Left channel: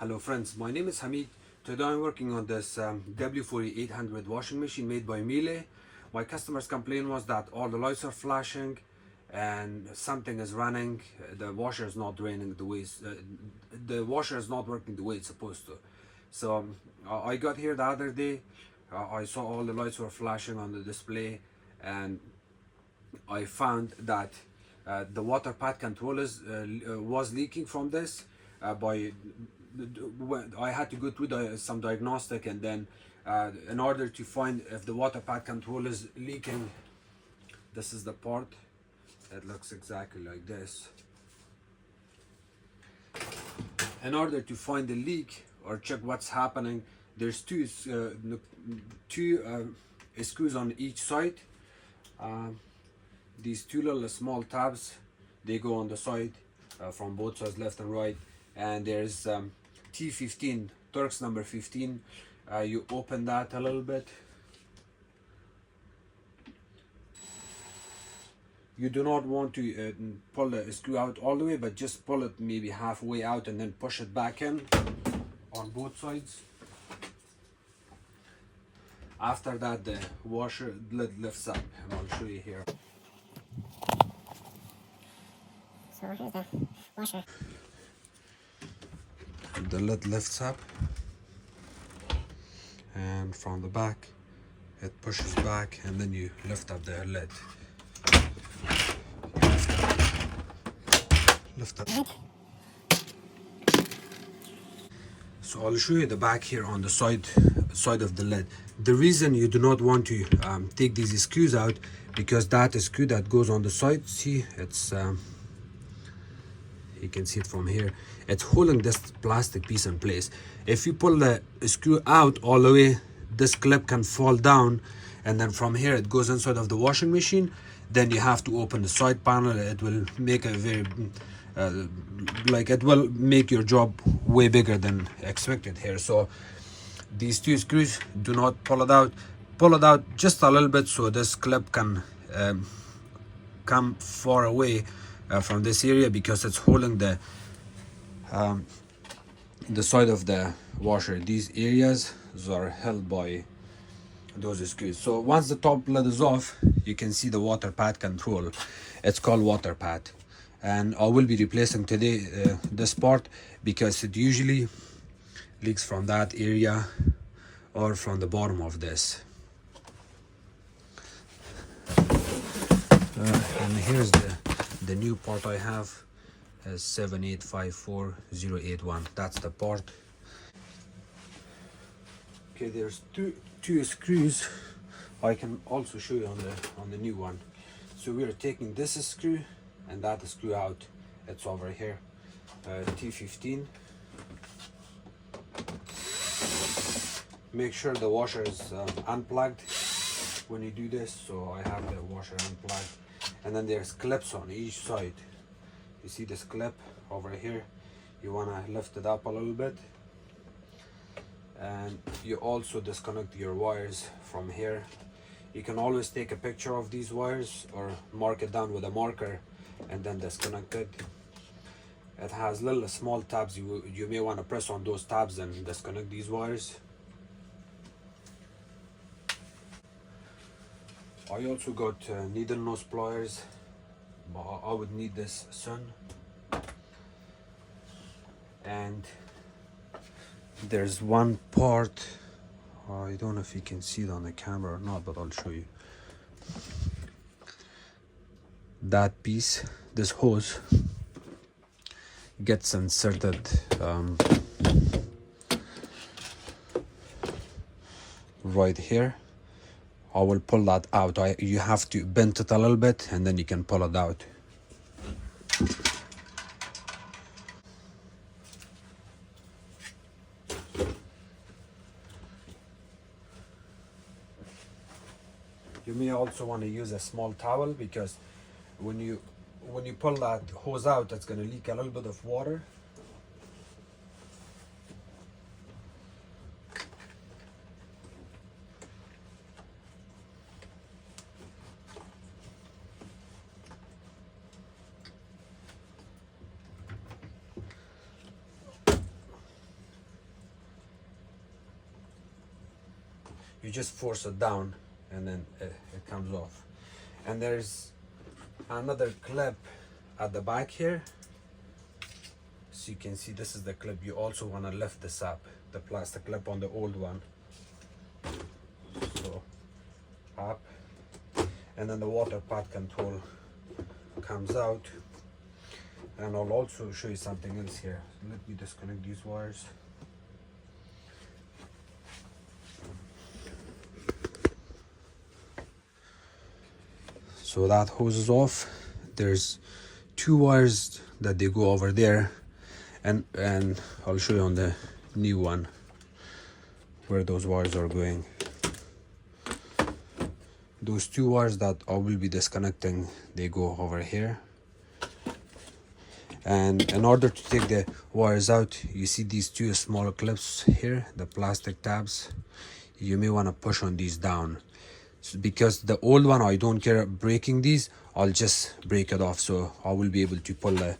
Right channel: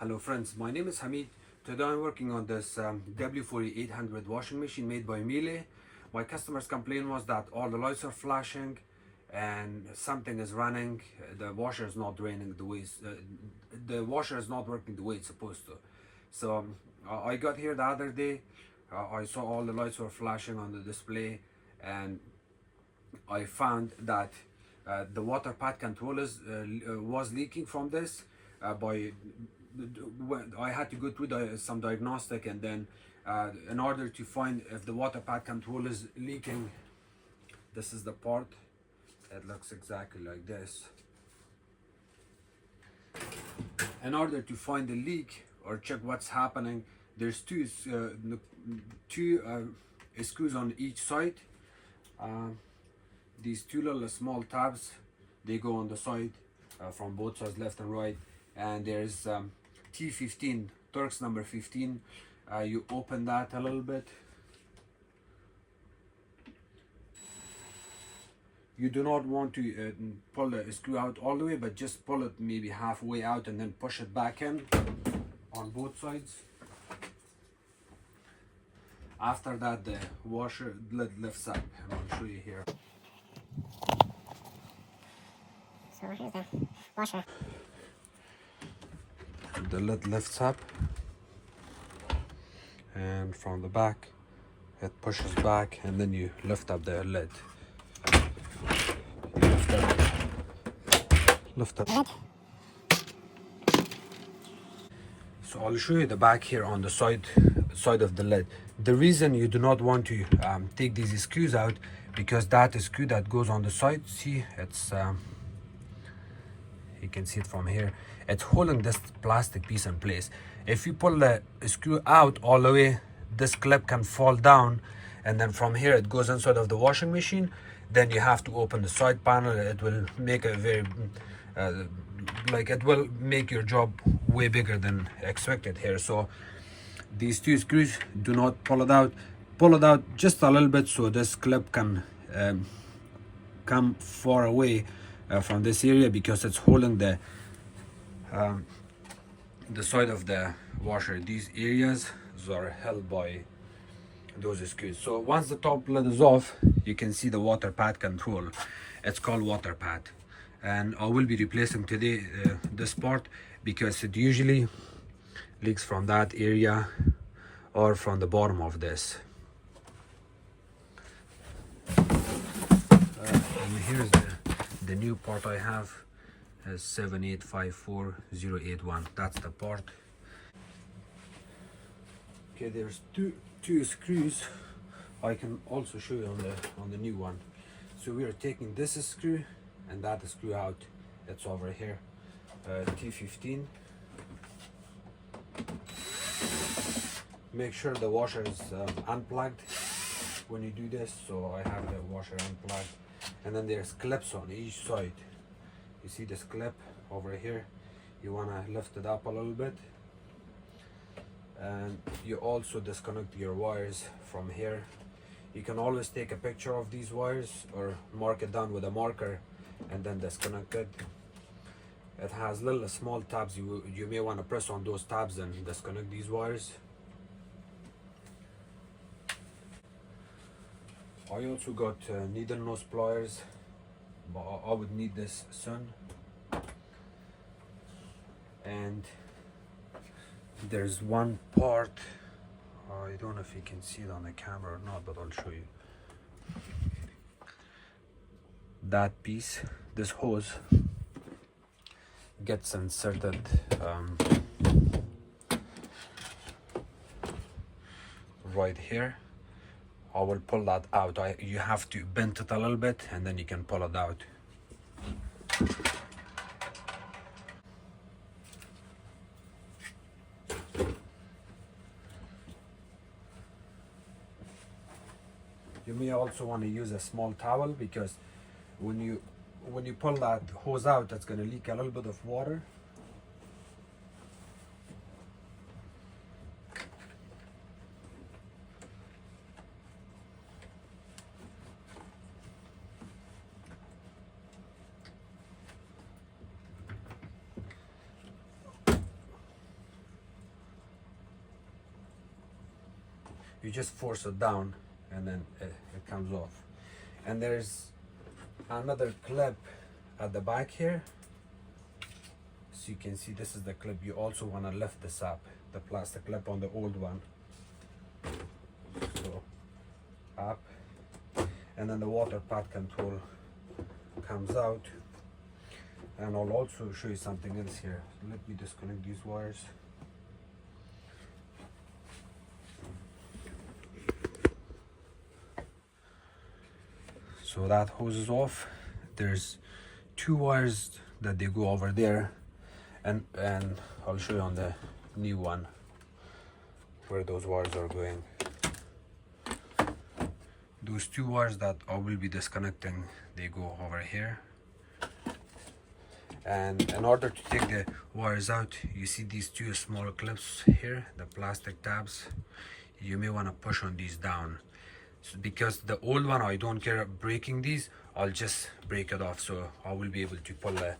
Hello friends, my name is Hamid. Today I'm working on this W4800 washing machine made by Miele. My customer's complaint was that all the lights are flashing and something is running. The washer is not draining the way the washer is not working the way it's supposed to. So I got here the other day. I saw all the lights were flashing on the display, and I found that the water pad controller was leaking from this. I had to go through some diagnostic, and then in order to find if the water pad controller is leaking, this is the part. It looks exactly like this. In order to find the leak or check what's happening, there's two screws on each side. These two little small tabs, they go on the side from both sides, left and right. And there's T15, Turks number 15. You open that a little bit. You do not want to pull the screw out all the way, but just pull it maybe halfway out and then push it back in on both sides. After that, the washer lid lifts up, and I'll show you here. So here's the washer. The lid lifts up, and from the back it pushes back, and then you lift up the lid. Lift up. So I'll show you the back here on the side of the lid. The reason you do not want to take these screws out, because that screw that goes on the side, see, it's you can see it from here, it's holding this plastic piece in place. If you pull the screw out all the way, this clip can fall down, and then from here it goes inside of the washing machine. Then you have to open the side panel. It will make a very it will make your job way bigger than expected here. So these two screws, do not pull it out. Pull it out just a little bit so this clip can come far away from this area, because it's holding the side of the washer. These areas are held by those screws. So once the top lid is off, you can see the water pad control. It's called water pad, and I will be replacing today this part, because it usually leaks from that area or from the bottom of this. And here's the new part I have, is 7854081. That's the part. Okay, there's two screws. I can also show you on the new one. So we are taking this screw and that screw out. It's over here, T15. Make sure the washer is unplugged when you do this. So I have the washer unplugged, and then there's clips on each side. You see this clip over here, you want to lift it up a little bit, and you also disconnect your wires from here. You can always take a picture of these wires or mark it down with a marker and then disconnect it. It has little small tabs. You may want to press on those tabs and disconnect these wires. I also got needle nose pliers, but I would need this soon. And there's one part, I don't know if you can see it on the camera or not, but I'll show you. That piece, this hose, gets inserted right here. I will pull that out. You have to bend it a little bit, and then you can pull it out. You may also want to use a small towel, because when you pull that hose out, it's going to leak a little bit of water. you just force it down and then it comes off. And there's another clip at the back here, so you can see this is the clip. You also want to lift this up, the plastic clip on the old one, so up, and then the water pad control comes out. And I'll also show you something else here. Let me disconnect these wires. So that hose is off. There's two wires that they go over there, and I'll show you on the new one where those wires are going. Those two wires that I will be disconnecting, they go over here. And in order to take the wires out, you see these two small clips here, the plastic tabs. You may want to push on these down. So because the old one, I don't care breaking these, I'll just break it off, so I will be able to pull the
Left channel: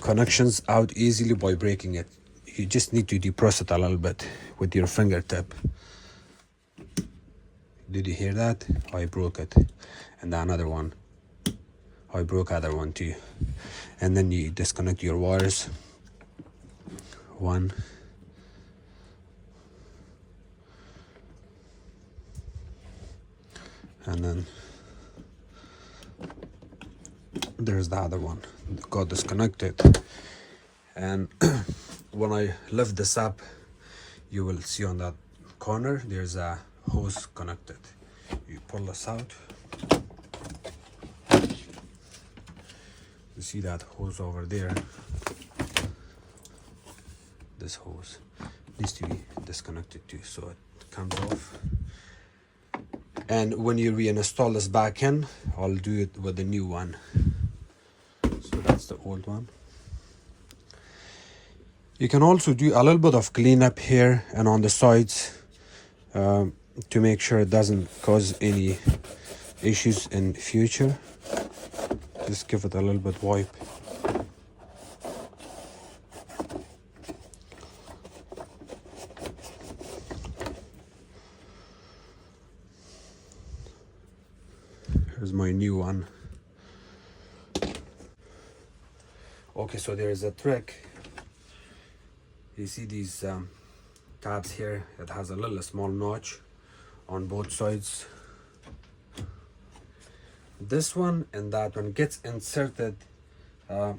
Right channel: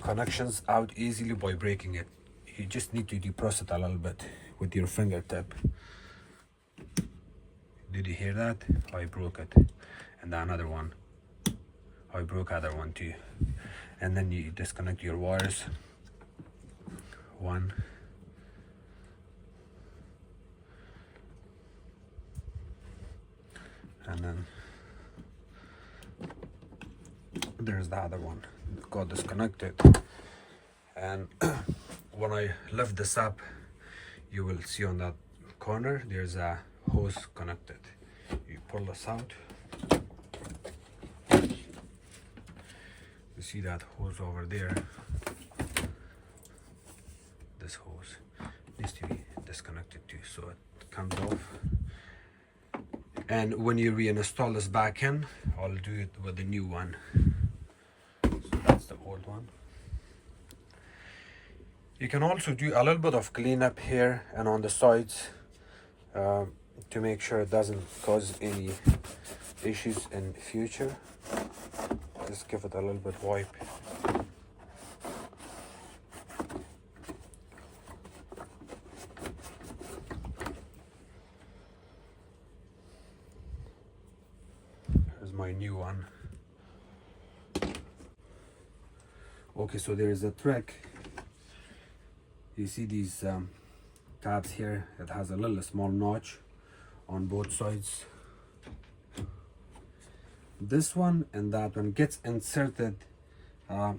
connections out easily by breaking it. You just need to depress it a little bit with your fingertip. Did you hear that? I broke it. And another one, I broke other one too. And then you disconnect your wires. One. And then there's the other one, got disconnected. And when I lift this up, you will see on that corner there's a hose connected. You pull this out, you see that hose over there. This hose needs to be disconnected too, so it comes off. And when you reinstall this back in, I'll do it with the new one. So that's the old one. You can also do a little bit of cleanup here and on the sides to make sure it doesn't cause any issues in future. Just give it a little bit wipe. Here's my new one. Okay, so there is a trick. You see these tabs here? It has a little small notch on both sides. This one and that one gets inserted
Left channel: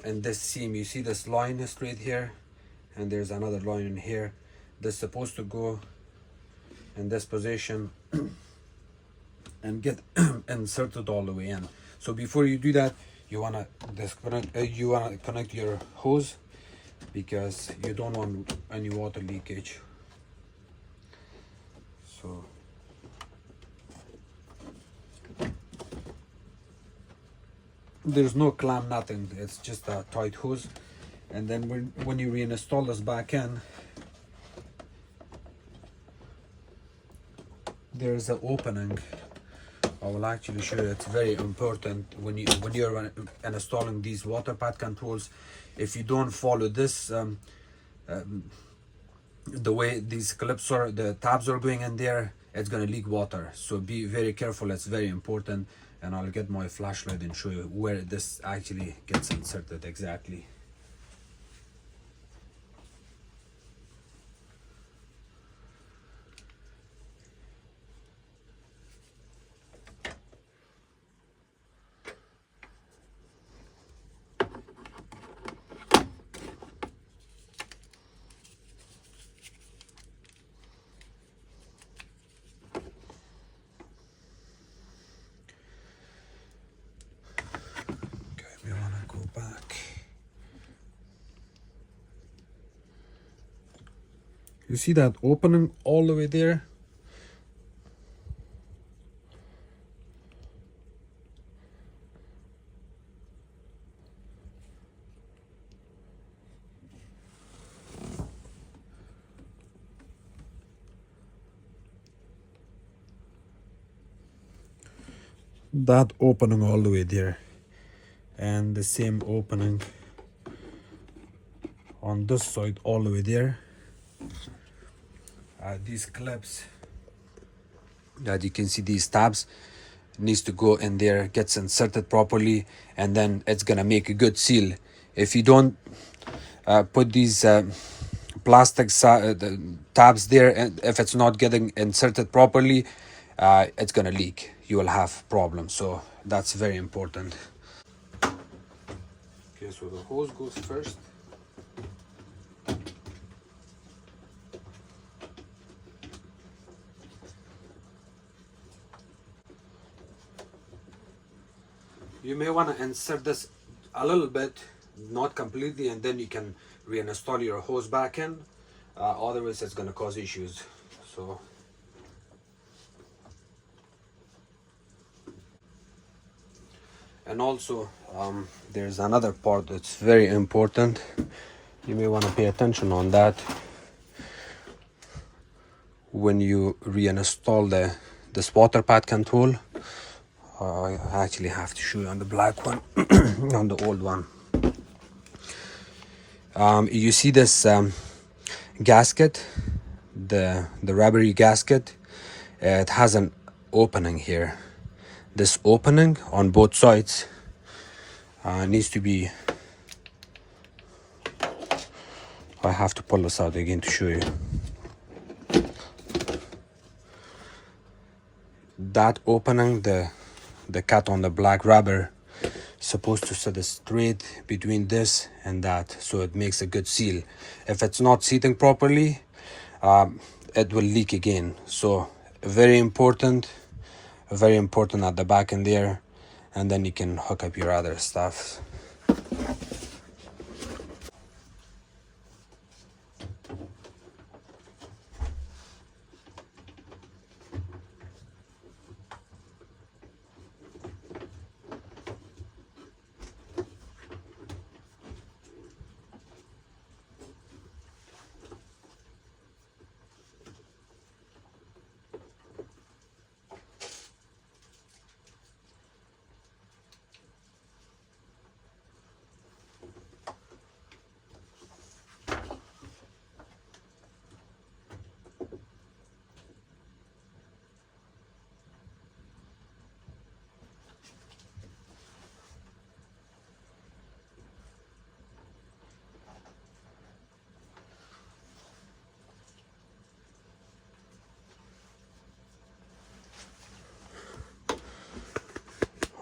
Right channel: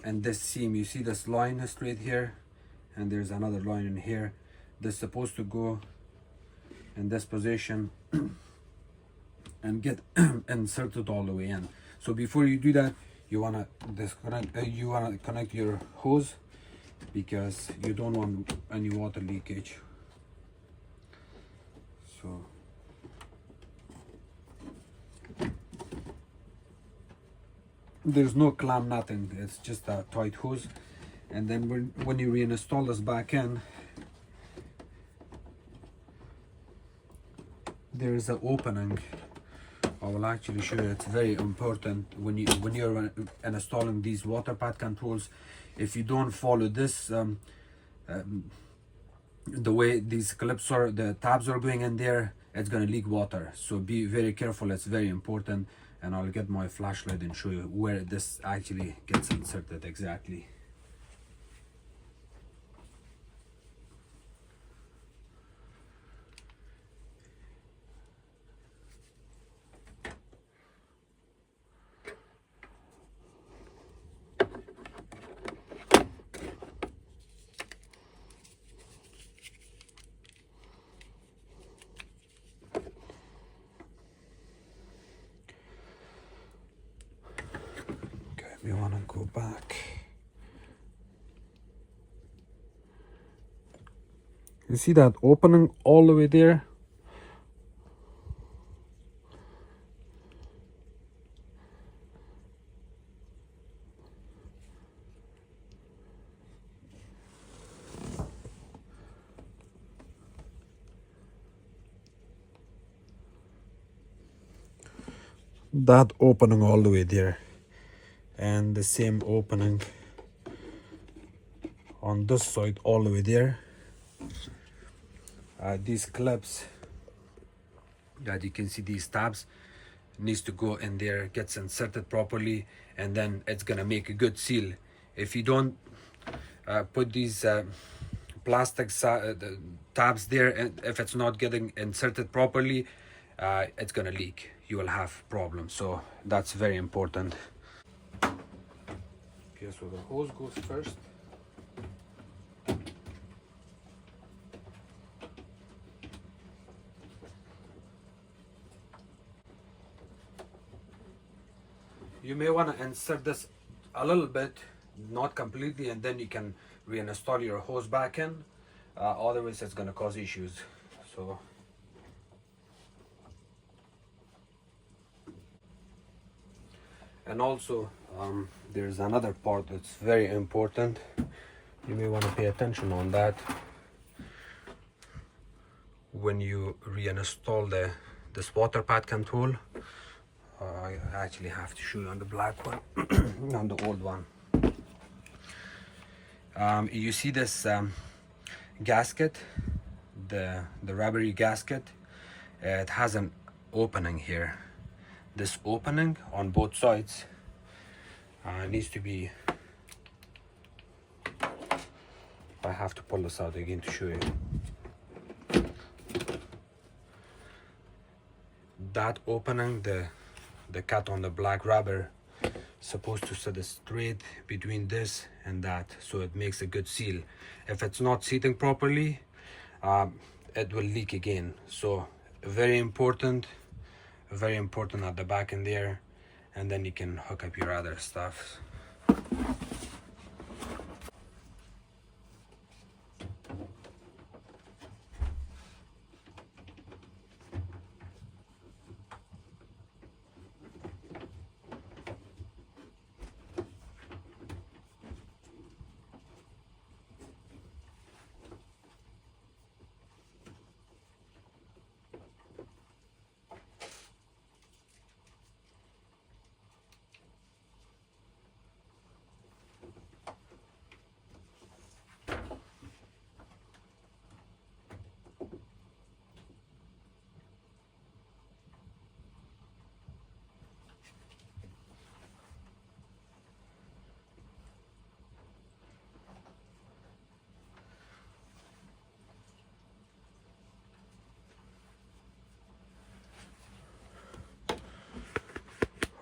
in this seam. You see this line straight here, and there's another line in here. This is supposed to go in this position and get inserted all the way in. So before you do that, you wanna disconnect. You wanna connect your hose, because you don't want any water leakage. So there's no clamp, nothing. It's just a tight hose. And then when you reinstall this back in, there's an opening. I will actually show you. It's very important when you're installing these water pad controls. If you don't follow this, the way these clips are, the tabs are going in there, it's gonna leak water. So be very careful. It's very important. And I'll get my flashlight and show you where this actually gets inserted exactly. You want to go back. You see that opening all the way there? That opening all the way there. And the same opening on this side all the way there. These clips That you can see these tabs needs to go in there, gets inserted properly, and then it's gonna make a good seal. If you don't put these plastic the tabs there, and if it's not getting inserted properly, it's gonna leak. You will have problems, so that's very important. Okay, so the hose goes first. You may want to insert this a little bit, not completely, and then you can reinstall your hose back in. Otherwise it's going to cause issues. So and also there's another part that's very important. You may want to pay attention on that when you reinstall this water pad control. I actually have to show you on the black one, on the old one. You see this gasket, the rubbery gasket. It has an opening here. This opening on both sides needs to be. I have to pull this out again to show you. That opening, the cut on the black rubber, supposed to sit straight between this and that, so it makes a good seal. If it's not seating properly, it will leak again. So very important at the back in there, and then you can hook up your other stuff.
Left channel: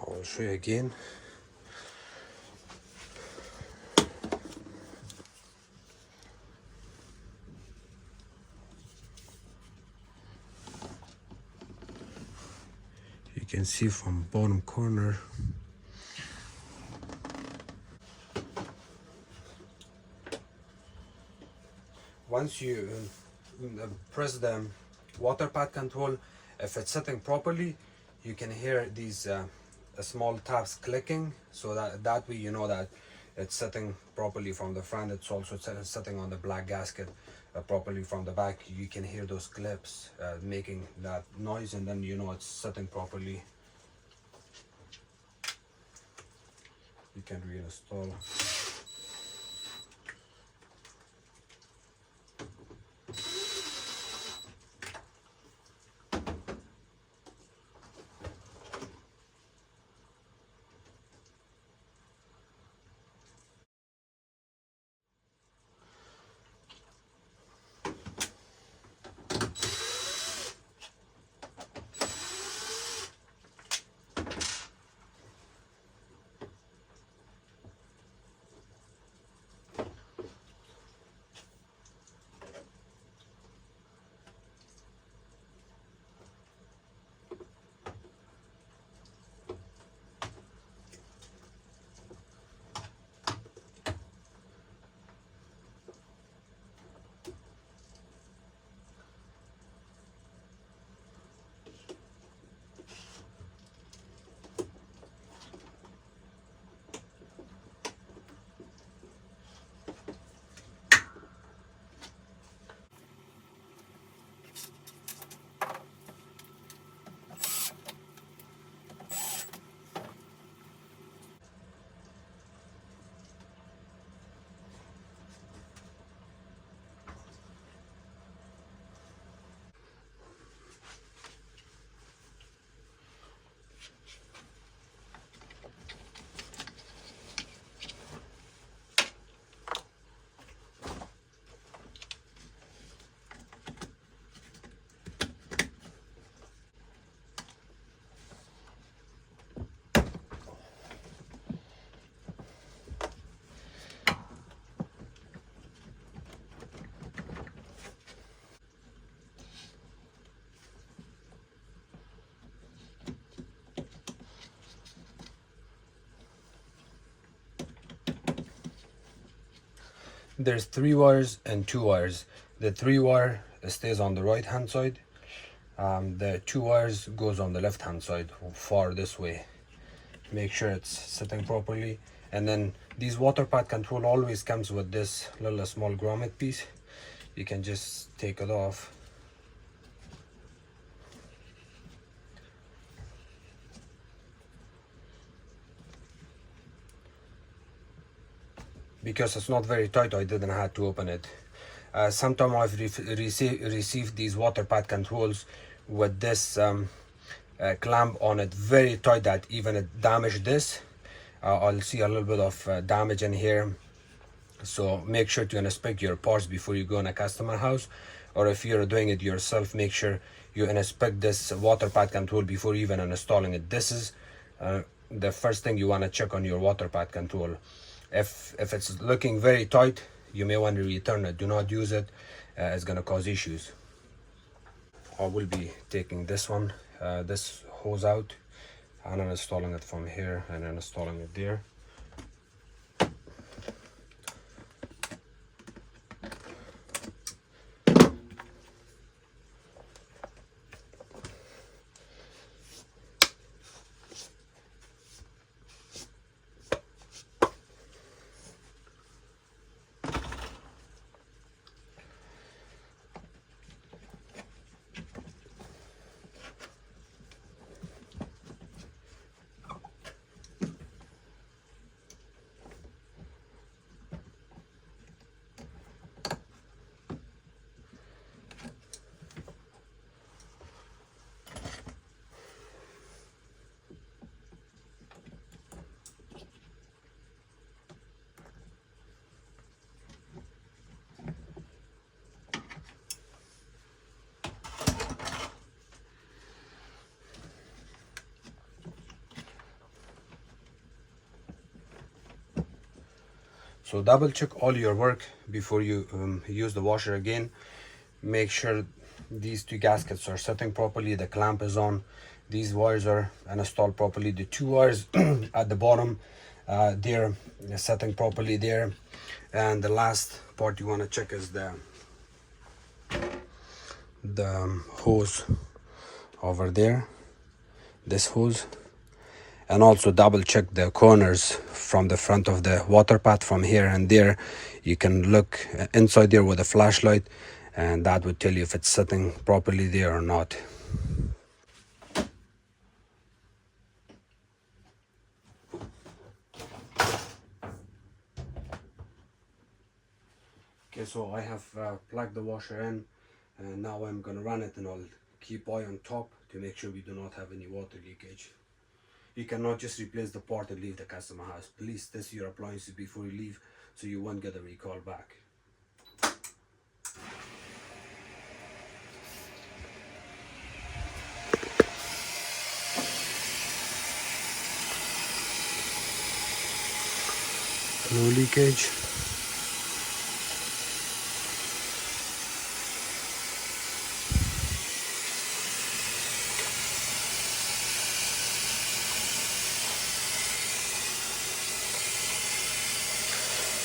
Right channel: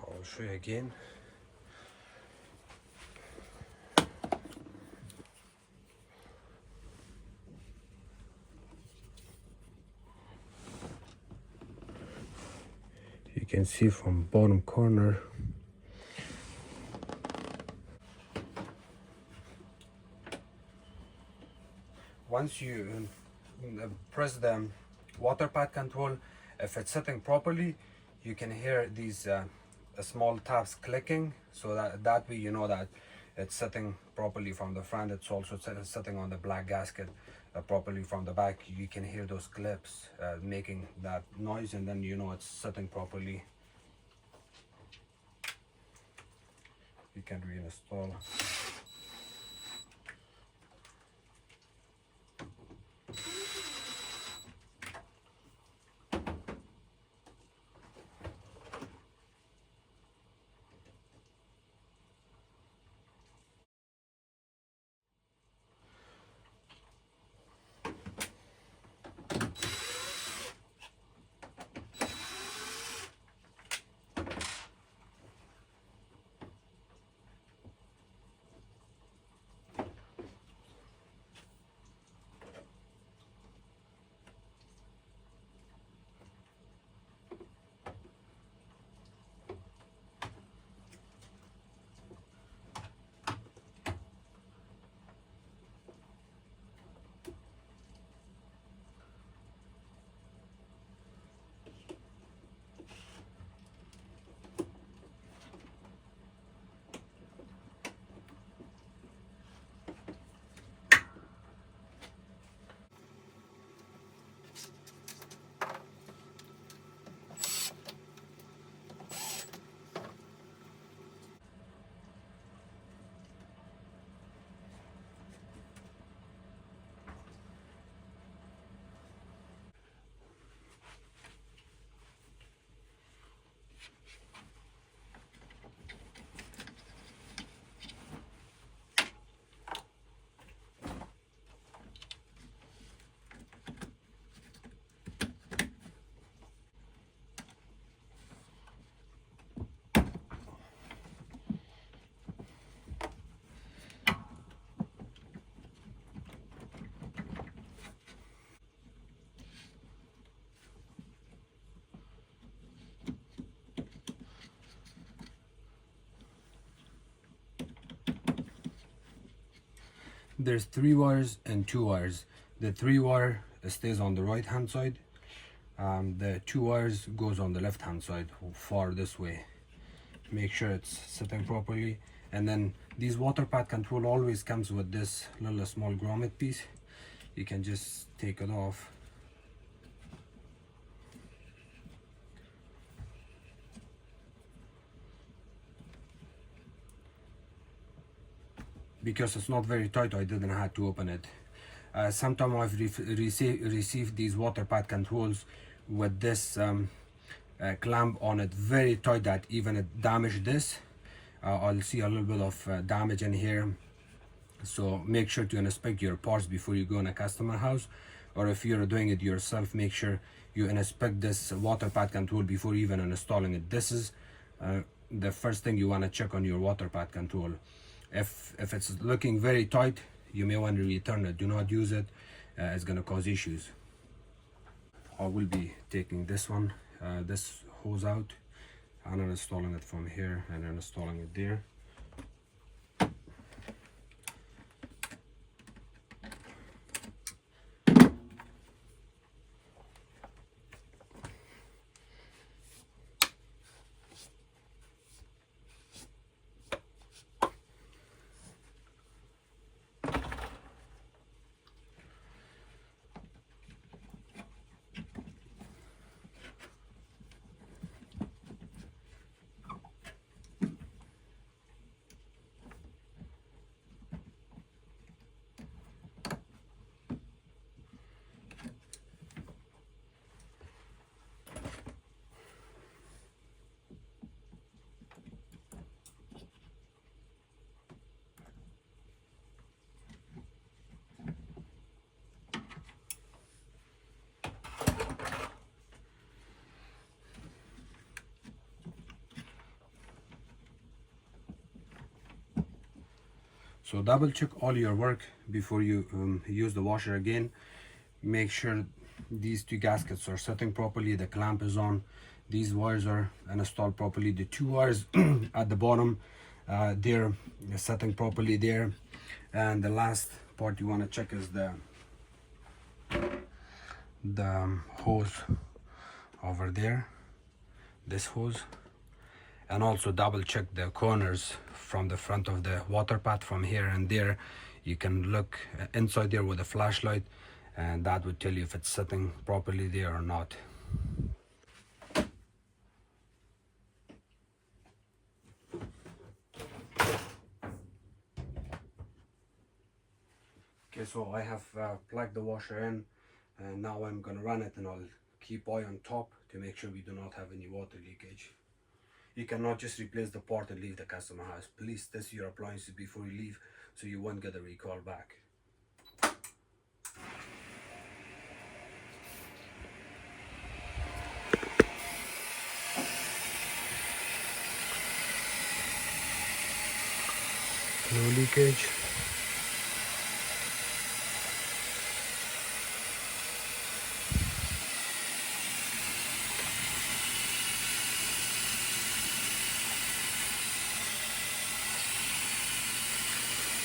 I'll show you again. You can see from bottom corner. Once you press the water pad control, if it's sitting properly, you can hear these small tabs clicking, so that way you know that it's sitting properly from the front. It's also sitting on the black gasket properly from the back. You can hear those clips making that noise, and then you know it's sitting properly. You can reinstall. There's 3 wires and 2 wires. The 3 wire stays on the right hand side. The 2 wires goes on the left hand side, far this way. Make sure it's sitting properly. And then these water pad control always comes with this little small grommet piece. You can just take it off. Because it's not very tight, I didn't have to open it. Sometimes I've received these water pad controls with this clamp on it very tight that even it damaged this. I'll see a little bit of damage in here. So make sure to inspect your parts before you go in a customer house, or if you're doing it yourself, make sure you inspect this water pad control before even installing it. This is the first thing you want to check on your water pad control. If it's looking very tight, you may want to return it. Do not use it. It's going to cause issues. I will be taking this one, this hose out, and I'm installing it from here and then installing it there. So double check all your work before you use the washer again. Make sure these 2 gaskets are sitting properly, the clamp is on, these wires are installed properly, the 2 wires at the bottom, they're sitting properly there. And the last part you want to check is the hose over there, this hose. And also double check the corners from the front of the water pad from here and there. You can look inside there with a flashlight, and that would tell you if it's sitting properly there or not. Okay, so I have plugged the washer in, and now I'm gonna run it, and I'll keep eye on top to make sure we do not have any water leakage. You cannot just replace the part and leave the customer house. Please test your appliances before you leave so you won't get a recall back. No leakage.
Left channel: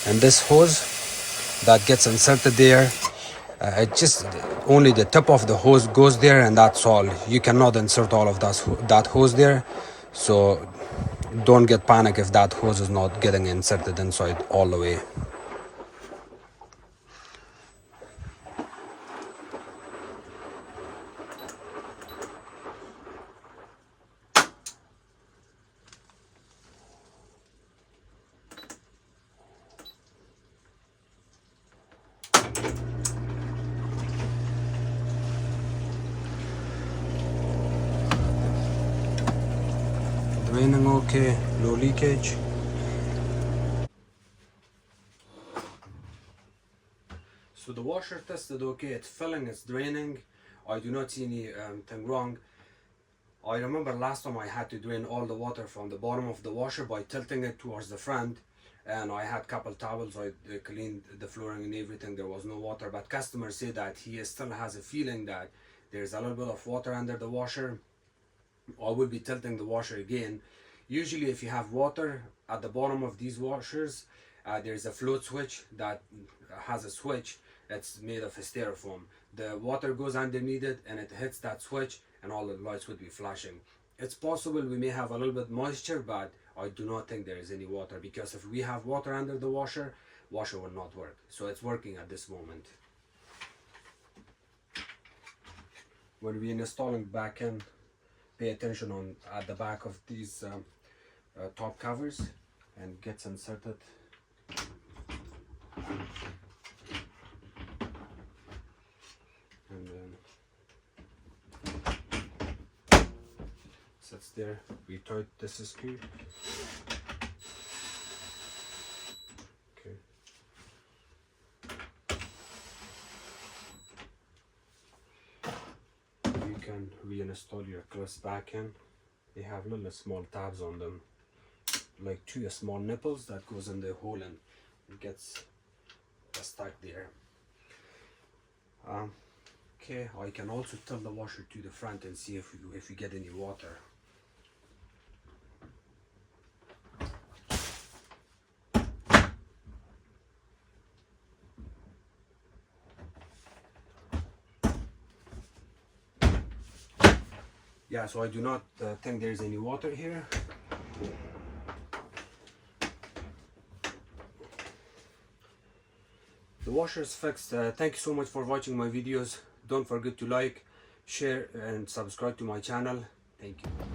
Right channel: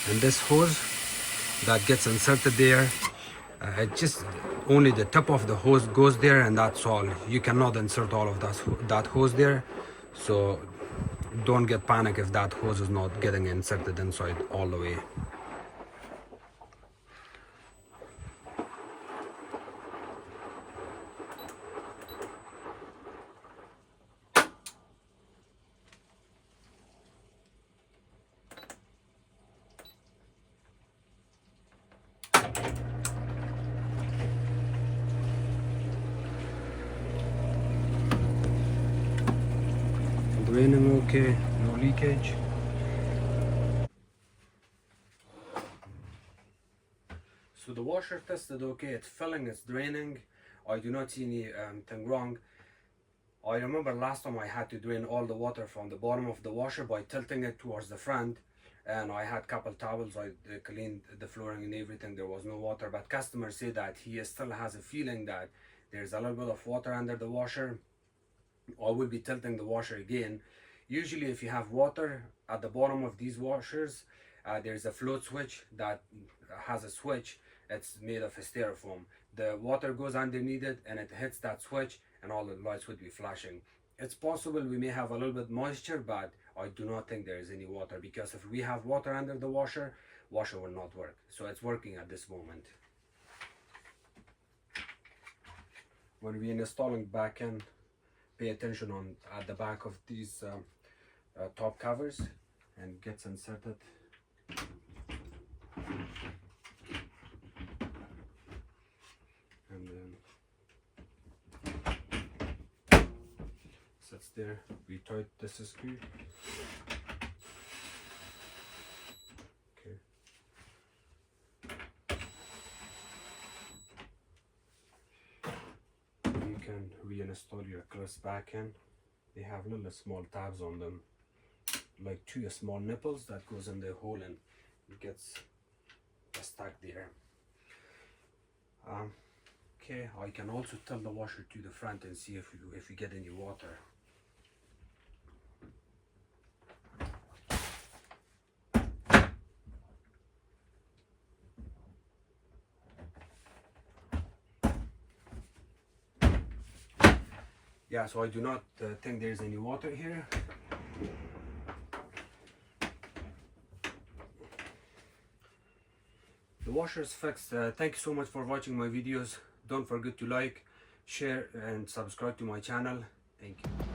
And this hose that gets inserted there, it just only the tip of the hose goes there, and that's all. You cannot insert all of that hose there, so don't get panic if that hose is not getting inserted inside all the way. Draining okay, no leakage. So the washer tested okay, it's filling, it's draining. I do not see anything wrong. I remember last time I had to drain all the water from the bottom of the washer by tilting it towards the front, and I had couple towels, I cleaned the flooring and everything, there was no water, but customer said that he still has a feeling that there's a little bit of water under the washer. I will be tilting the washer again. Usually if you have water at the bottom of these washers, there's a float switch that has a switch. It's made of a styrofoam. The water goes underneath it and it hits that switch and all the lights would be flashing. It's possible we may have a little bit moisture, but I do not think there is any water, because if we have water under the washer will not work. So it's working at this moment. When we installing back in, pay attention on at the back of these top covers, and gets inserted. And then sits there. We tight this screw. Okay. You can reinstall your clips back in. They have little small tabs on them, like two small nipples that goes in the hole and it gets stuck there. Okay, I can also tilt the washer to the front and see if we get any water. Yeah, so I do not think there's any water here. The washer is fixed. Thank you so much for watching my videos. Don't forget to like, share and subscribe to my channel. Thank you.